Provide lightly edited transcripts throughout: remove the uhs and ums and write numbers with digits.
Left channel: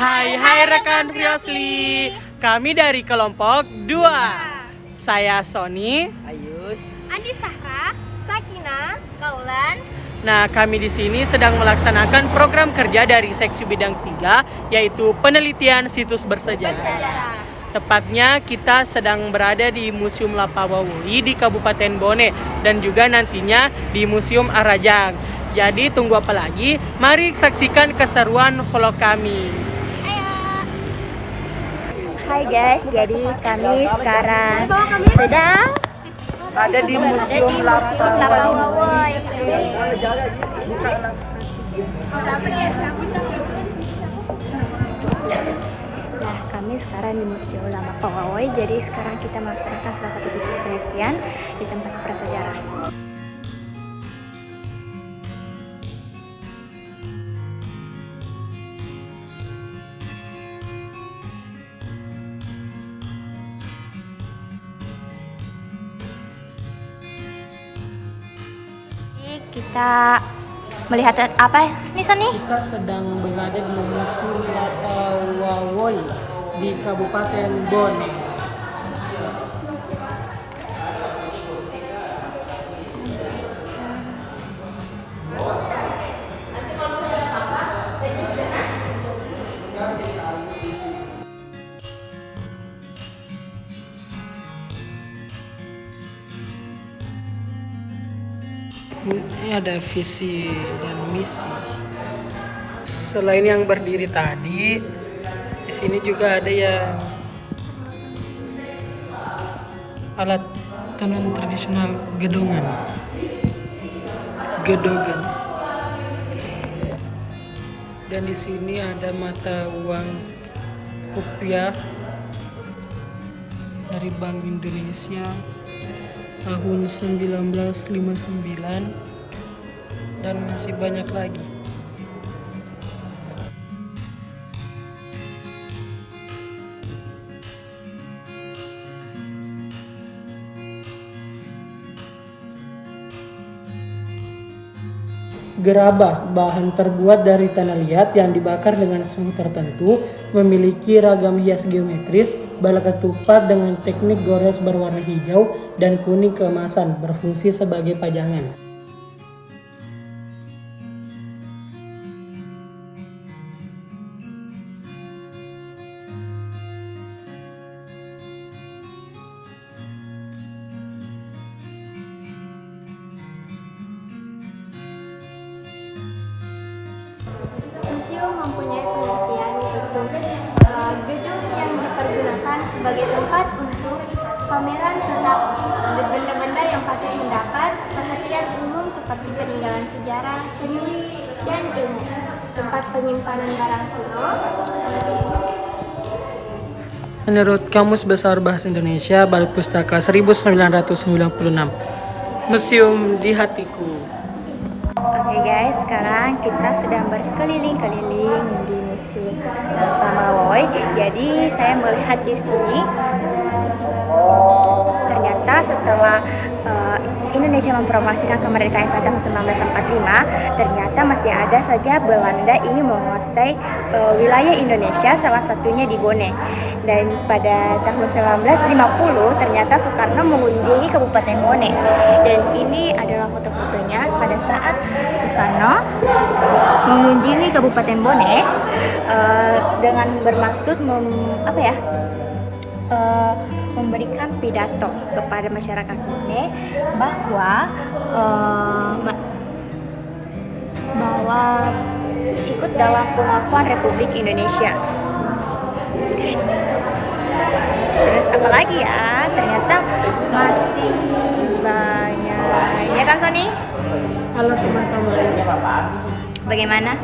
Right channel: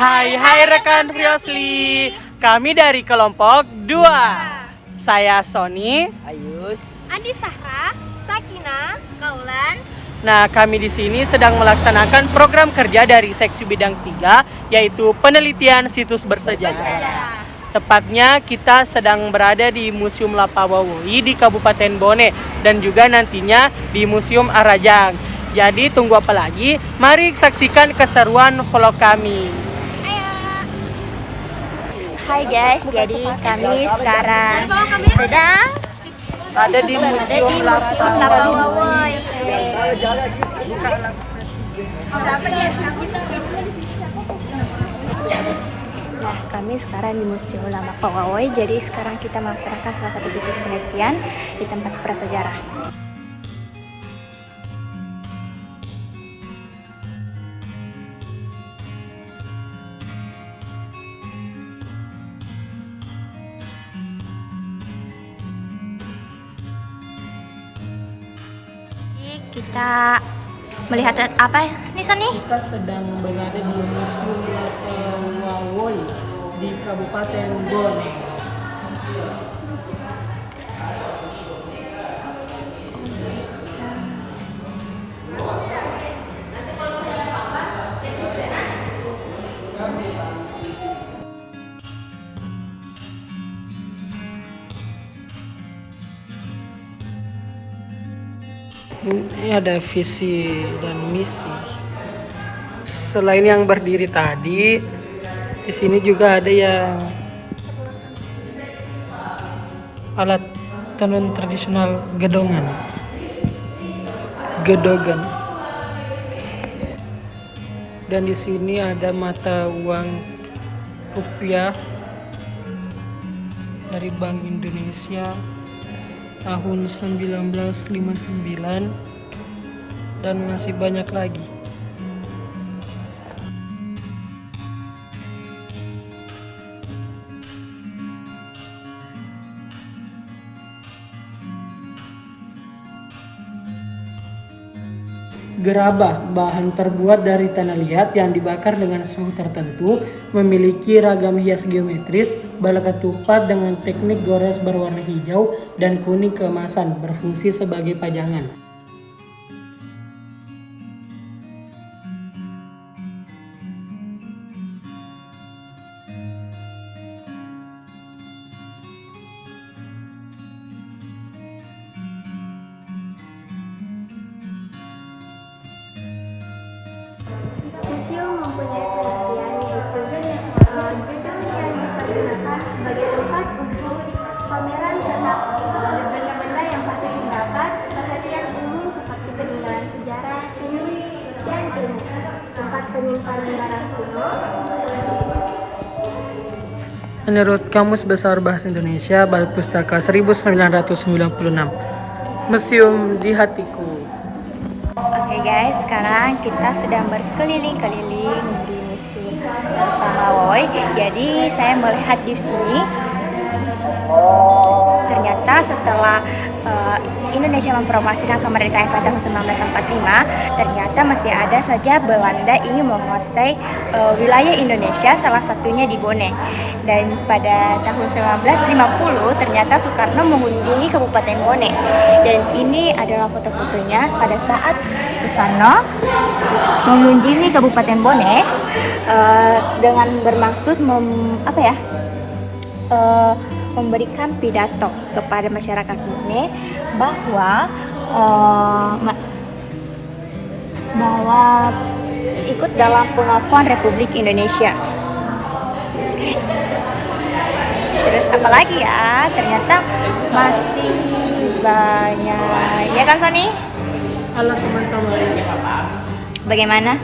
Hai rekan Friosli, kami dari kelompok 2. Saya Sony, Ayus, Andi Sahra, Sakina, Kaulan. Nah, kami di sini sedang melaksanakan program kerja dari seksi bidang 3, yaitu penelitian situs bersejarah. Tepatnya kita sedang berada di Museum Lapawawoi di Kabupaten Bone dan juga nantinya di Museum Arajang. Jadi tunggu apa lagi? Mari saksikan keseruan vlog kami. Hai guys, jadi kami sekarang sedang Ada di Museum Lapawawoi. Nah, kami sekarang di Museum Lapawawoi. Jadi sekarang kita melaksanakan salah satu situs penelitian di tempat prasejarah. Kita melihat apa nih Sony? Kita sedang berada di Museum Lapawawoi di Kabupaten Bone. Ini ada visi dan misi. Selain yang berdiri tadi, di sini juga ada yang alat tenun tradisional gedogan. Dan di sini ada mata uang rupiah dari Bank Indonesia tahun 1959 dan masih banyak lagi. Gerabah, bahan terbuat dari tanah liat yang dibakar dengan suhu tertentu, memiliki ragam hias geometris, bala ketupat dengan teknik gores berwarna hijau dan kuning keemasan, berfungsi sebagai pajangan. Museum mempunyai pengertian yaitu gedung yang dipergunakan sebagai tempat untuk pameran tentang benda-benda yang patut mendapat perhatian umum seperti peninggalan sejarah, seni, dan ilmu. Tempat penyimpanan barang kuno. Menurut Kamus Besar Bahasa Indonesia, Bal Pustaka 1996, Museum di Hatiku. Oke guys, sekarang kita sedang berkeliling-keliling di Museum Lapawawoi. Jadi saya melihat di sini ternyata setelah Indonesia memproklamasikan kemerdekaan pada tahun 1945, ternyata masih ada saja Belanda ingin menguasai wilayah Indonesia, salah satunya di Bone. Dan pada tahun 1950 ternyata Soekarno mengunjungi Kabupaten Bone. Dan ini adalah foto-fotonya pada saat Soekarno mengunjungi Kabupaten Bone dengan bermaksud memberikan pidato kepada masyarakat Bone bahwa ikut dalam pengakuan Republik Indonesia. Terus apalagi ya, ternyata masih banyak, ya kan Sony? Halo teman-teman, Bagaimana?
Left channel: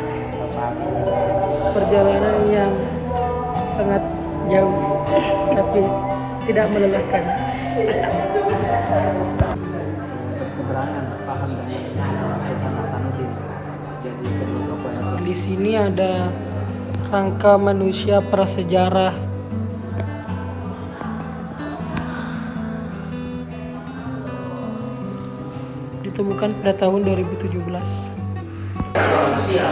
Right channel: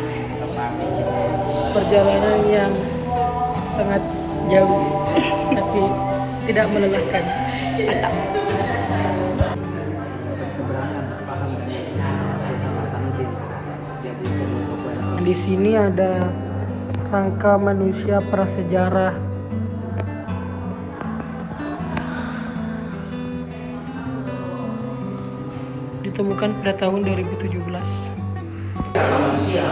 perjalanan yang sangat jauh tapi tidak melelahkan. Di sini ada rangka manusia prasejarah. Ditemukan pada tahun 2017. manusia,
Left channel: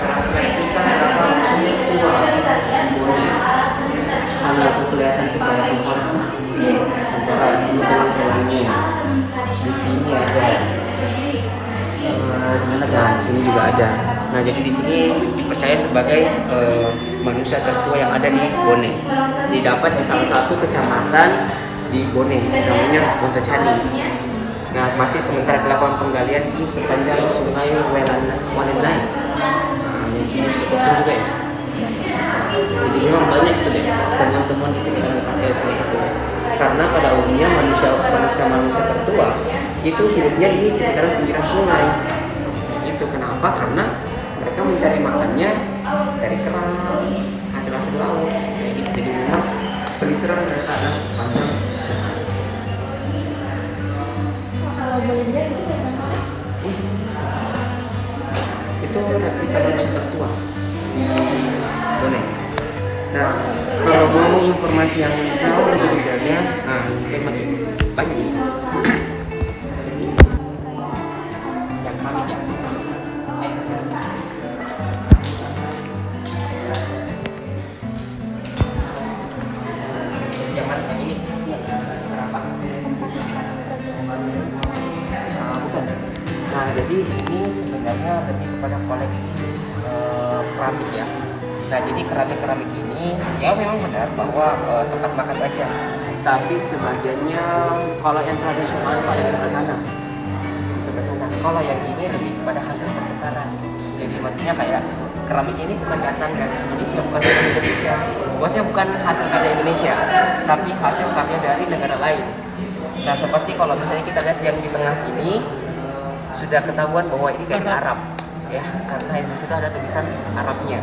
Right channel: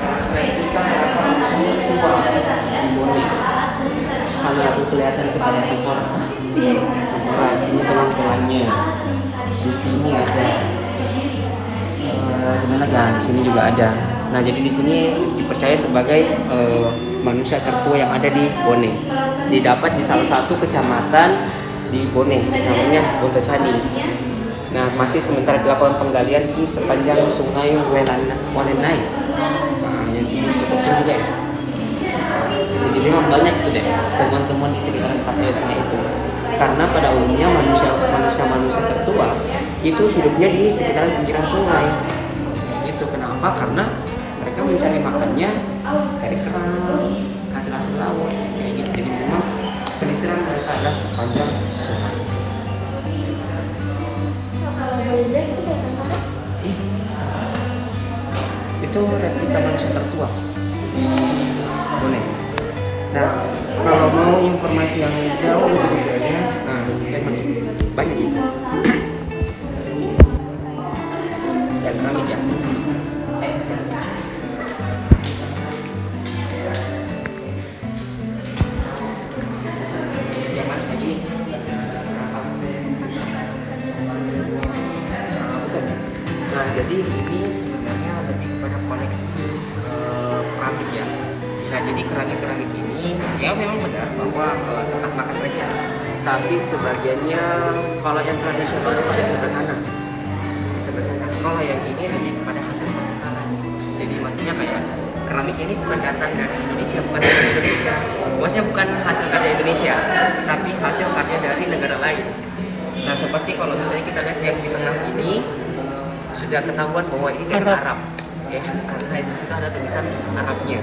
karakteristika harapan seni tengkorak, bone. Kalau itu kelihatan tuh kayak tengkorak. Tengkorak ini tulang-tulangnya. Di sini ada. Di mana kan? Di sini juga ada. Nah, jadi di sini dipercaya sebagai manusia tertua yang ada di Bone. Didapat di salah satu kecamatan di Bone, namanya Wontocani. Nah, masih sementara dilakukan penggalian di sepanjang sungai Walenai. Nah, yang ini seperti juga ya. Jadi memang banyak tuh deh temuan-temuan di sini orang pakai sungai itu. Karena pada umumnya manusia tertua itu hidupnya di sekitaran pinggiran sungai. Itu kenapa? Karena mereka mencari makannya dari kerang, hasil-hasil laut. Jadi memang pelisiran mereka adalah sepanjang sungai. Itu manusia tertua di dunia. Nah, kalau mau informasi yang jauh lebih detailnya, nah skema banyak itu. Dan keramik ya. Yang harus begini. Berapa? Nah, jadi ini sebenarnya lebih kepada koleksi keramik ya. Nah, jadi keramik ini ya memang benar bahwa tempat makan aja. Tapi sebagiannya kalau yang tradisional itu ada di sebelah sana. Di sebelah sana. Kalau yang ini lebih kepada hasil pertukaran. Jadi maksudnya kayak keramik ini bukan datang dari Indonesia, bukan dari Indonesia. Maksudnya bukan hasil karya Indonesia, tapi hasil karya dari negara lain. Nah, seperti kalau misalnya kita lihat yang di tengah ini sudah ketahuan bahwa ini dari Arab. Ya, karena di situ ada tulisan Arabnya.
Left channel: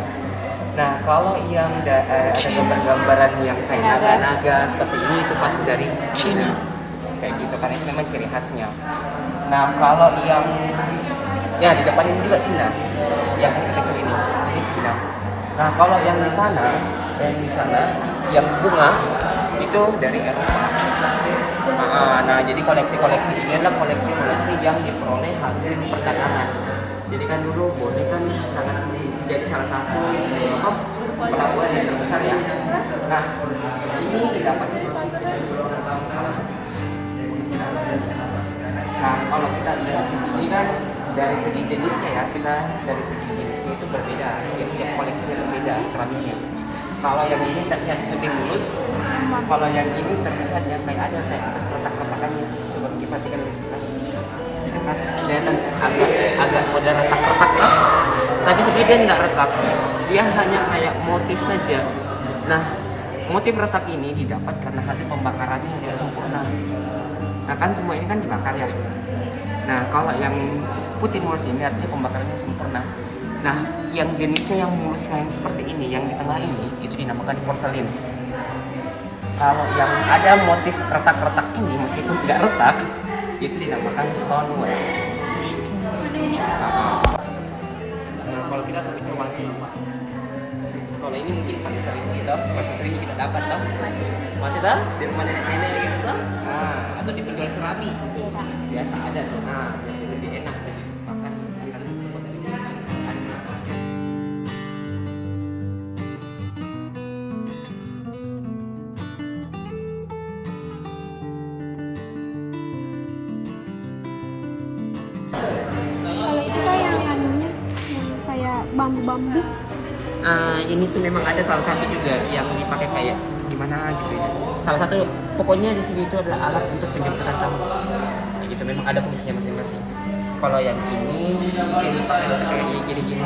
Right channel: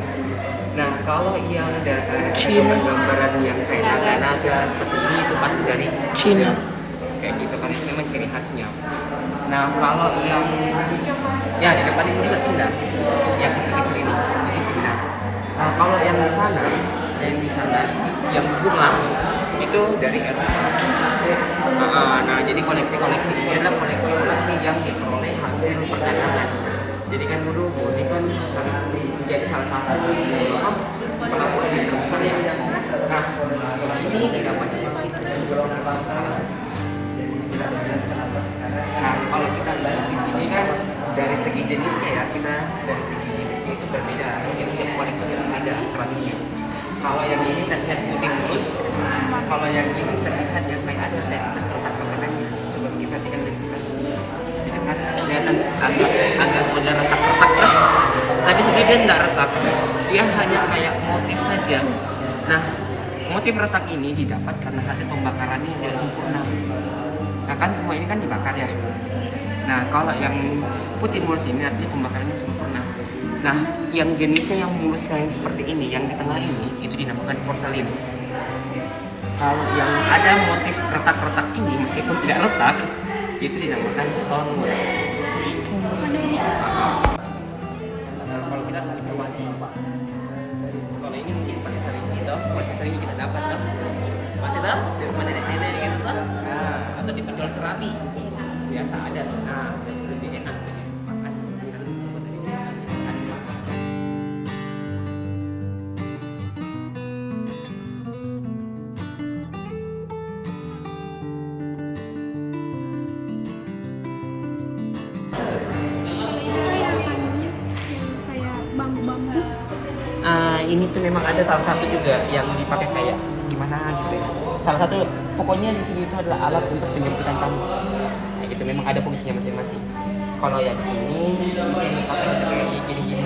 Nah, kalau yang gambaran yang kayak naga-naga seperti ini itu pasti dari Cina. Kayak gitu kan, itu memang ciri khasnya. Nah, kalau yang ya di depan ini juga Cina. Yang kecil-kecil ini Cina. Nah, kalau yang di sana, yang bunga itu dari Eropa. Nah, jadi koleksi-koleksi ini adalah koleksi-koleksi yang diperoleh hasil perdagangan. Jadi kan dulu Bone kan sangat menjadi salah satu pelabuhan yang terbesar ya. Nah, ini didapatnya dari situ. Nah, kalau kita lihat di sini kan dari segi jenisnya ya, itu berbeda. Jadi koleksi berbeda keramiknya. Kalau yang ini terlihat putih mulus, kalau yang ini terlihat yang kayak ada atas retak-retakannya. Coba kita perhatikan di atas. Ini kan kelihatan agak ada retak-retak ya. Tapi sebenarnya dia tidak retak, dia hanya kayak motif saja. Nah, motif retak ini didapat karena hasil pembakarannya yang tidak sempurna. Nah, kan semua ini kan dibakar ya. Nah, kalau yang putih mulus ini artinya pembakarannya sempurna. Nah, yang jenisnya yang mulus kayak seperti ini, yang di tengah ini, itu dinamakan porselin. Kalau yang ada motif retak-retak ini, meskipun tidak retak, itu dinamakan stonework. Nah, kalau kita sebutnya wangi. Kalau ini mungkin paling sering gitu, masih sering kita dapat toh. Masih tahu di rumah nenek-nenek gitu toh. Nah, atau di penjual surabi. Biasa ada tuh. Nah, biasa lebih enak tuh makan. Bambu-bambu. Ini tuh memang ada salah satu juga yang dipakai kayak gimana gitu. Salah satu pokoknya di sini itu adalah alat untuk penjemputan tamu. Ya gitu, memang ada fungsinya masing-masing. Kalau yang ini yang dipakai untuk kayak gini-gini,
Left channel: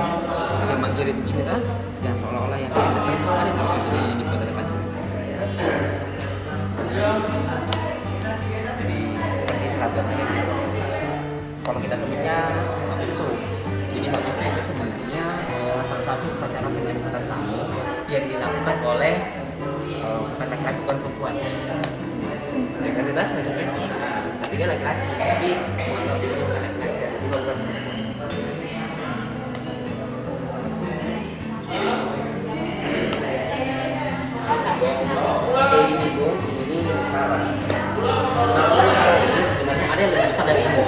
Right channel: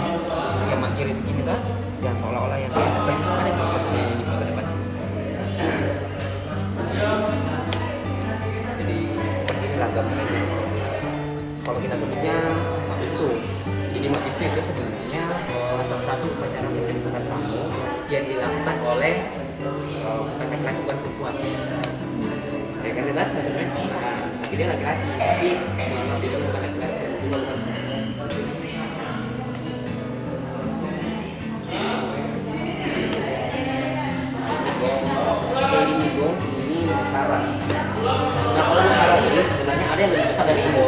yang magiri begini kan, yang seolah-olah yang terus ada kayak ini pada depan sini. Jadi seperti itu gambarnya. Kalau kita sebutnya mabisu. Jadi mabisu itu sebenarnya salah satu upacara penjemputan tamu yang dilakukan oleh katakanlah bukan perempuan. Ya kan udah maksudnya. Nah, tapi dia laki-laki, tapi menganggap dia bukan laki-laki, bukan ini juga ini Nukara. Nah, kalau Nukara ini sebenarnya ada yang lebih besar dari ini.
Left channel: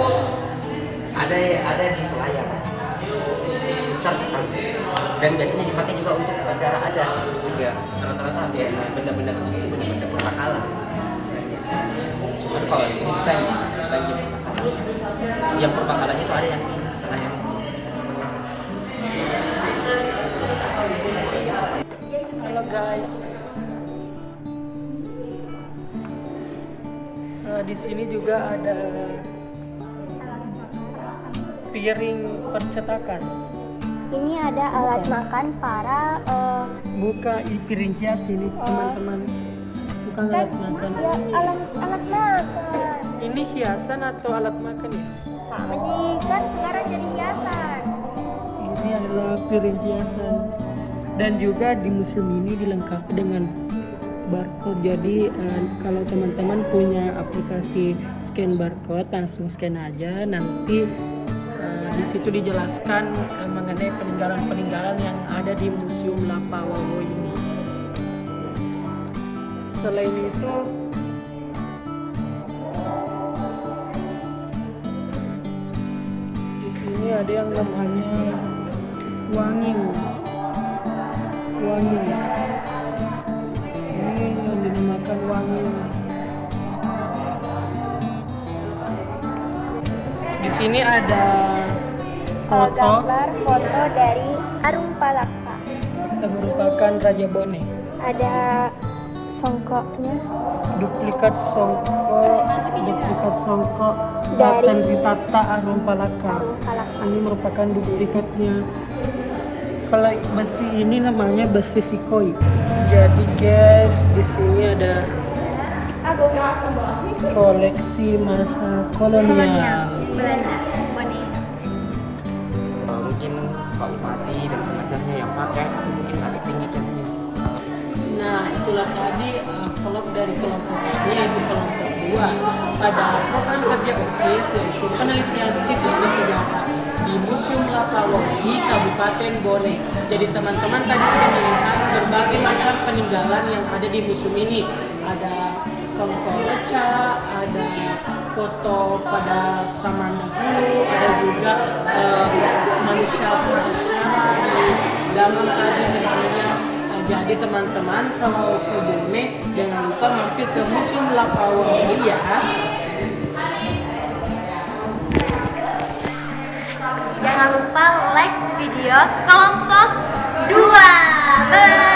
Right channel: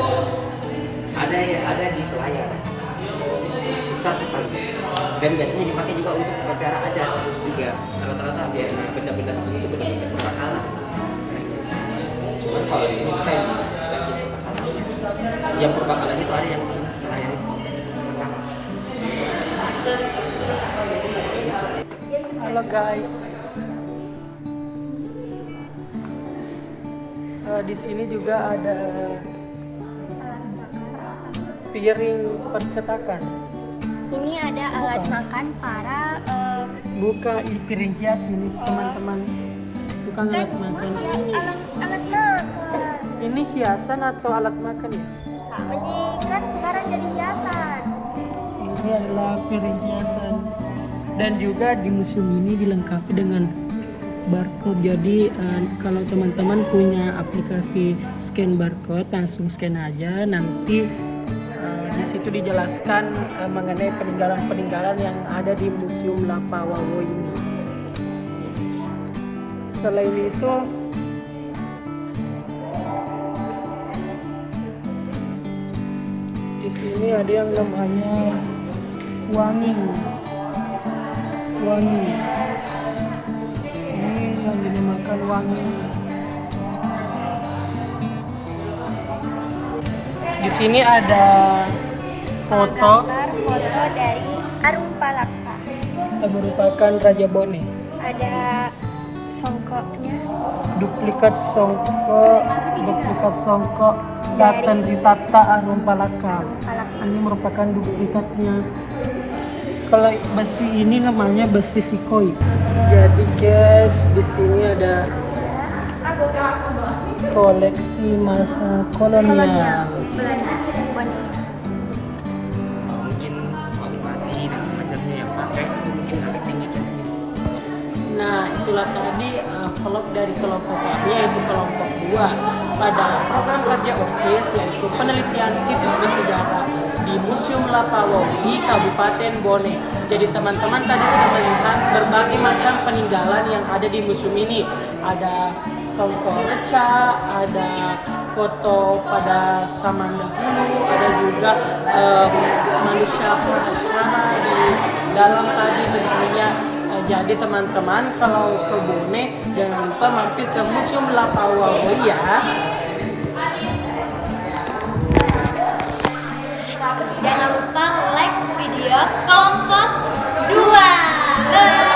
Ada di Selayar. besar sekali dan biasanya dipakai juga untuk upacara adat juga. Rata-rata ada benda-benda begini itu benda-benda purbakala sebenarnya. Cuman kalau di sini bukan lagi purbakala. Yang purbakalanya itu ada yang selain pertama. Halo guys. Di sini juga ada piring percetakan. Ini ada alat makan para Buka piring hias ini teman-teman. Bukan alat makan. ya, alat makan. Ini hiasan atau alat makan ya? Sama kan sekarang jadi hiasan. Ini adalah piring hiasan. Dan juga di museum ini dilengkapi dengan barcode. Jadi kalau teman-teman punya aplikasi scan barcode, langsung scan aja. Nanti di situ dijelaskan mengenai peninggalan-peninggalan yang ada di Museum Lapawawo ini. Selain itu, di sini ada yang namanya wanging. Ini yang dinamakan wanging. Di sini ada foto Gambar foto dari Arumpalaka. yang merupakan Raja Bone. Ada songkoknya. Duplikat songkok Daten Ritata Arumpalaka. Ini merupakan duplikatnya. Kalau besi ini namanya besi Sikoi. Jadi guys, di sini ada koleksi masa kolonial. Belanda. Mungkin kalau party dan semacamnya yang pakai itu mungkin agak tinggi jauhnya. Nah, itulah tadi vlog dari kelompok kami, yaitu kelompok 2 pada program kerja OSIS, yaitu penelitian situs bersejarah di Museum Lapawawo di Kabupaten Bone. Jadi teman-teman tadi sudah melihat berbagai macam peninggalan yang ada di museum ini. Ada songkok reca, ada foto pada zaman dahulu, ada juga manusia puraksara di dalam tadi tentunya. Jadi teman-teman kalau ke Bone jangan lupa mampir ke Museum Lapawawo ya. Jangan lupa like video kelompok 2.